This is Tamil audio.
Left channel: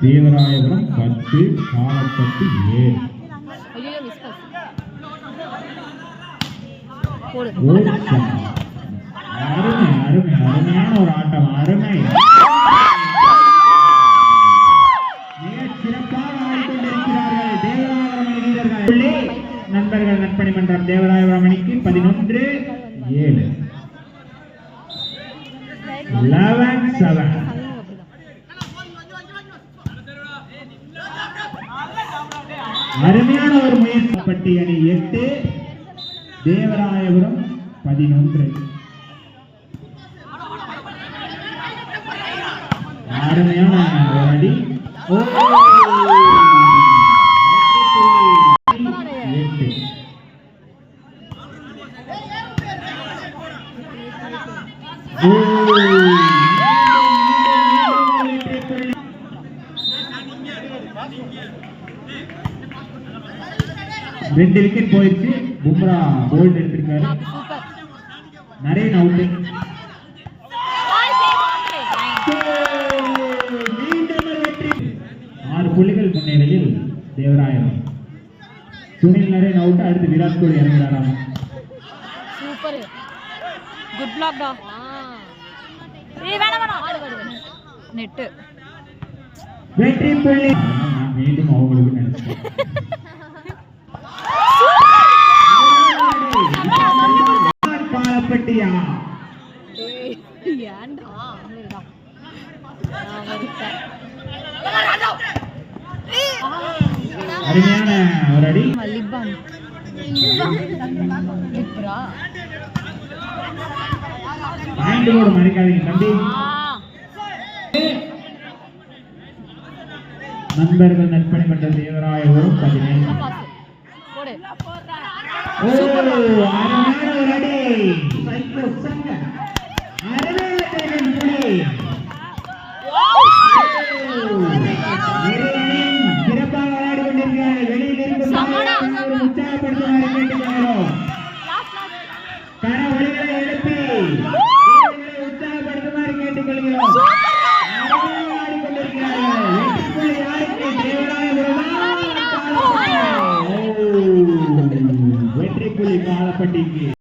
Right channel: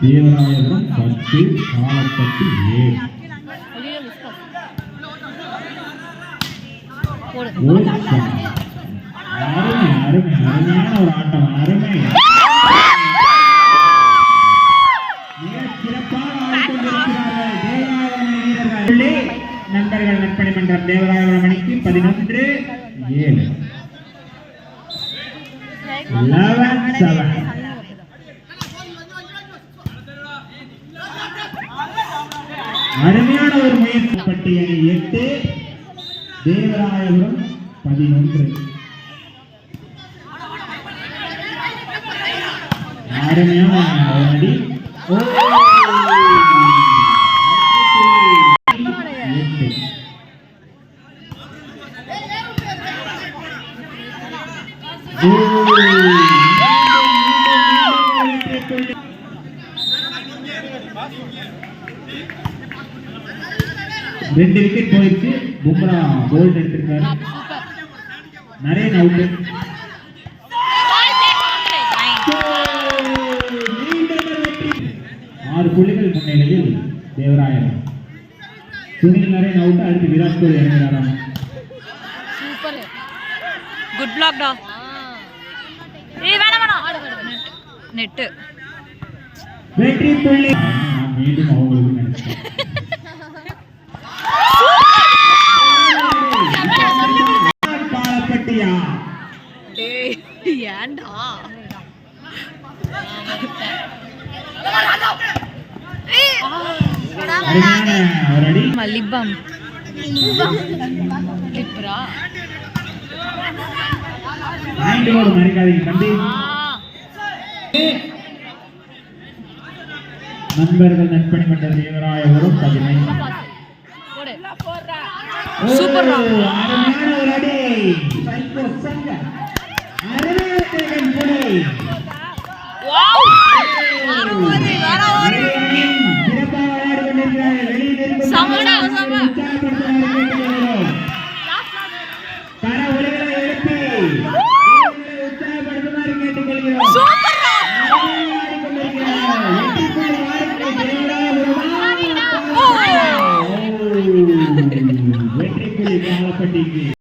தேவராயபுரம் 10 காலப்பட்டு 7 அருமை அருமை அருமையான ஒரு ஆட்டம் அருமை நண்பர்கள் நற்பணி மன்றம் தேவராயபுரம் அணிக்கு 11-7 11-7 அருமையான ஒரு மேற்பட்டி அணி 8 தேவராயபுரம் 11 அருமையான அடி ரெண்டு விக்கெட் போயிடுச்சு. பும்ரா போல்ட் எடுத்திருக்காரு. நிறைய அவுட். 6 புள்ளிகள் முன்னிலையில் தேவராயபுரம். சுனில் நிறைய அவுட். அடுத்து Virat Kohli இறங்குறாரா? Super good black டா. ஏய் வேணாம் நெட் வெற்றி புள்ளி. நான் மீண்டும் அவங்களுக்கு நினைச்சேன். காலப்பட்டியா ஏய் ஏண்டா மல்லிபம் லிப்ரா நண்பர்கள் நற்பணி மன்ற தேவராயபுரம் 15 சூப்பர் வெற்றி புள்ளி காலப்பட்டிக்கு.